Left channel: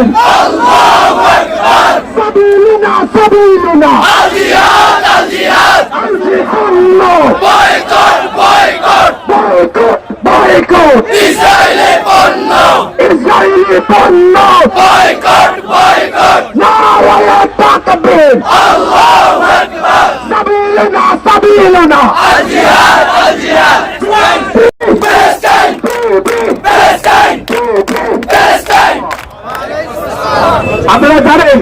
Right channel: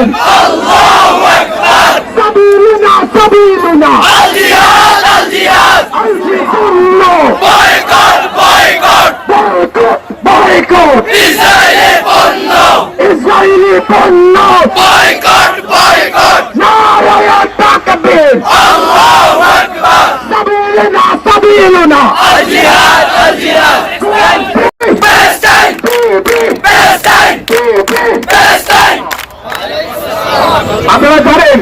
তাকবীর সাবিলুনা সাবিলুনা boycott, boycott, বয়কট বয়কট ইসরায়েলে পণ্য, ইসরায়েলি পণ্য boycott, boycott, নারায়া তাকবীর Allahu Akbar, সাবিলুনা সাবিলুনা Al-Jihad, Al-Jihad, Palestine, Palestine, Palestine. আপনারা জানেন,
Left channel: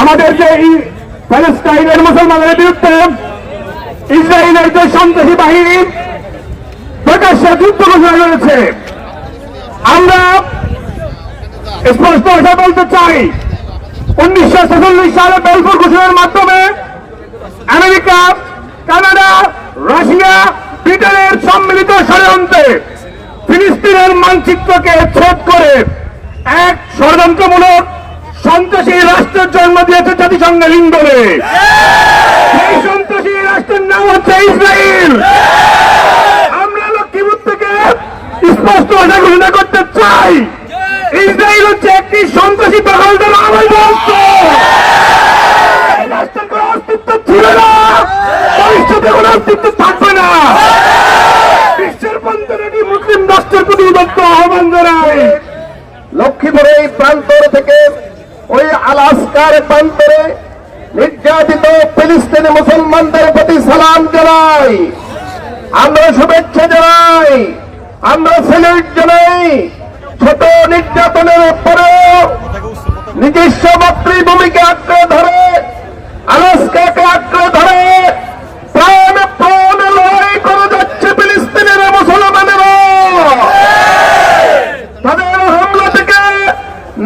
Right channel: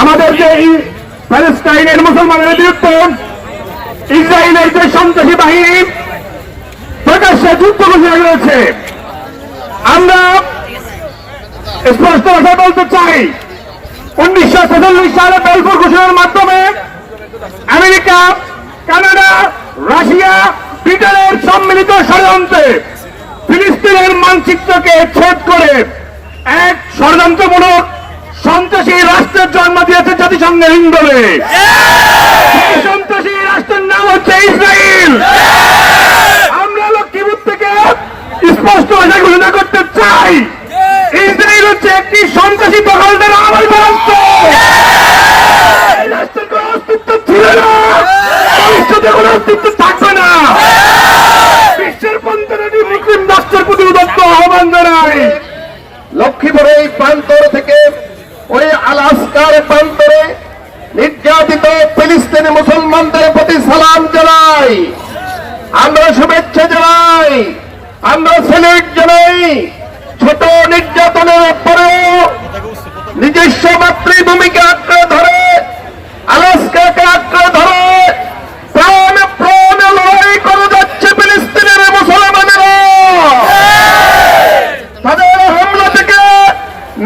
আমাদের যে এই প্যালেস্টাইনের মুসলমানের বিরুদ্ধে ইসরায়েলের যে সন্ত্রাসী বাহিনী প্রকাশ্যে যুদ্ধ ঘোষণা করেছে, আমরা স্পষ্ট ভাষা বলতে চাই, উনিশশো ছেচল্লিশ সালে বেলপুর ঘোষণার মাধ্যমে আমেরিকা, কানাডা, রাশিয়া, ব্রিটেনের সম্মিলিত ষড়যন্ত্রে ফিলিস্তিনের মানচিত্রকে ছেদ করে এক ষড়যন্ত্রমূলক সন্ত্রাসী রাষ্ট্রের জন্ম দিয়েছে জাতিসংঘের ইন্দোরে সন্ত্রাসী রাষ্ট্রের নাম হচ্ছে ইসরায়েল আমরা লক্ষ্মীপুর থেকে স্পষ্ট ভাষা ঘোষণা করতে চাই। ইসরায়েল হচ্ছে একটি সন্ত্রাসী দখলদার আমল বলতো রাষ্ট্রের কোনো অস্তিত্ব ছিল না। ভবিষ্যতে কোনো অস্তিত্ব থাকবে না বিশ্বের পঞ্চাশটি মুসলিম রাষ্ট্রের প্রতি উদত্ত আহ্বান জানাই লক্ষ্মীপুরে এই প্রান্তর থেকে ওই আলাস্কার প্রান্তরে নির্যাতিত ফিলিস্তিনি মুসলমানদের প্রতি সালাম জানাই। আমরা শুভেচ্ছা জানাই, আমরা স্যালুট জানাই। ছোট নির্যাতনের পরেও নিজস্ব মাতৃভূমিকে আঁকড়ে ধরে, আলাস্কাকে আঁকড়ে ধরে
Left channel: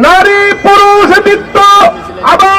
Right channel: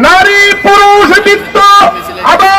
নারী, পুরুষ, বৃদ্ধ, আবার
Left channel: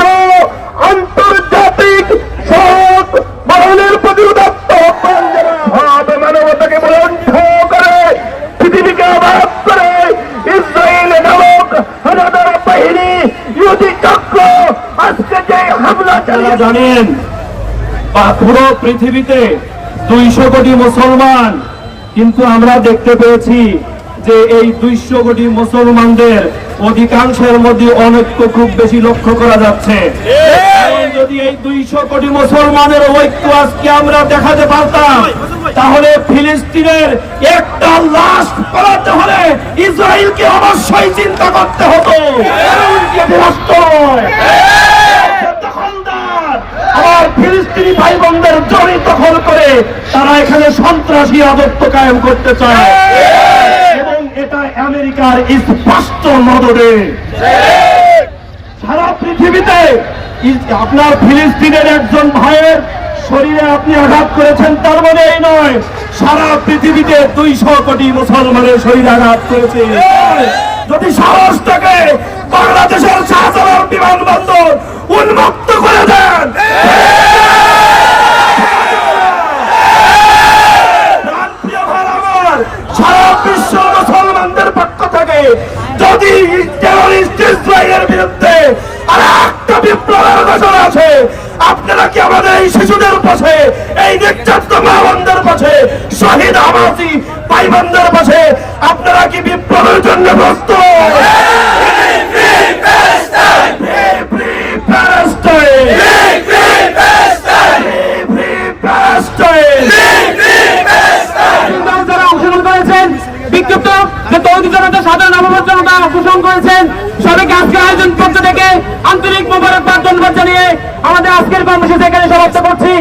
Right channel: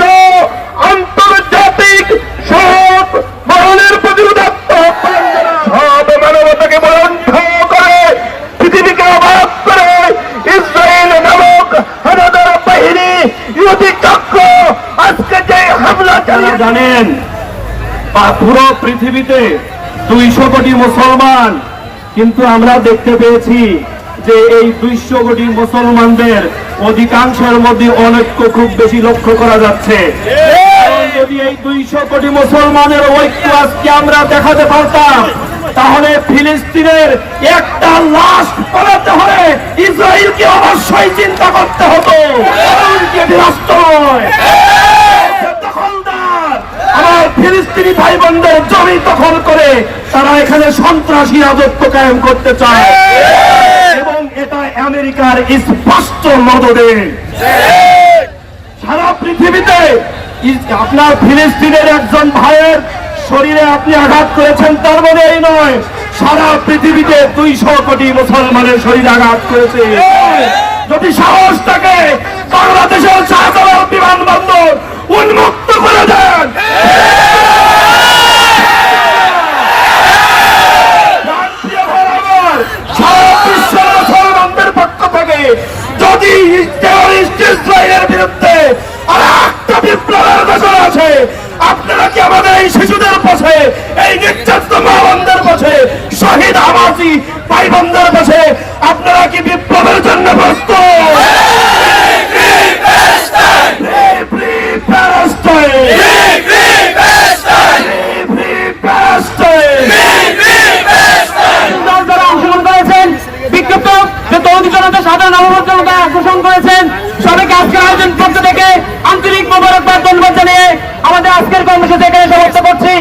সহ আন্তর্জাতিক জানাই। সব মানবতাকে বন্ধ করে পৃথিবীকে অবাক করে ইসরায়েল নামক বাহিনী চক্র আজকে যে হামলা চালিয়ে জানেন পুরো পৃথিবীতে দুইশো কোটি মুসলমান, কিন্তু আমরা দেখতে পেয়েছি যে এই দুইশো কোটি মুসলমানদের অধিকাংশের মধ্যে অনৈক্য খুব বেশি লক্ষ্য করা যাচ্ছে। যদি এই দুইশো কোটি মুসলমানের ঐক্য আজকে আমরা দেখাতে পারতাম তাহলে ফিলিস্তিনের একটা লাশ পড়াতে হলে ইসরায়েলকে অবশ্যই চিন্তা করতে হতো। আমার ফিলিস্তিনি ভাই বোনদের জমি দখল করে তারা এখানে সন্ত্রাসী রাজত্ব কায়েম করতে চায়। আমেরিকার স্পষ্ট নজরে সারা পৃথিবীতে আপনার ফিলিস্তিনের একজন ভাইয়ের শরীরে আপনি আঘাত করেছেন, তার মানে এই নয়, সারা পৃথিবীতে দুইশো কোটি মুসলমানের শরীরে আঘাত করেছে। যদি সাহস থাকে, বাংলাদেশের শাহজালাল বিমানবন্দর উন্মুক্ত করে দেন প্রিয় ভাই আমার, সারা বিশ্ব মুসলমানদের পক্ষ থেকে যদি টেরোরিস্ট ইসরায়েলের বিরুদ্ধে আর একটা বিপ্লবের ঘোষণা আছে আপনারা কি আমাদের এই শিশুদের পাশে, এই নির্যাতিত মা বোনদের পাশে, শহীদ হামাসি ভাই বোনদের পাশে, আপনারা কি বিপ্লবের জন্য প্রস্তুত? সাধারণ অবমত জনতা অংশগ্রহণ করেছেন, সবাইকে আজকের আয়োজন পক্ষ থেকে কর্মসূচি এখানে সমাপ্ত করছি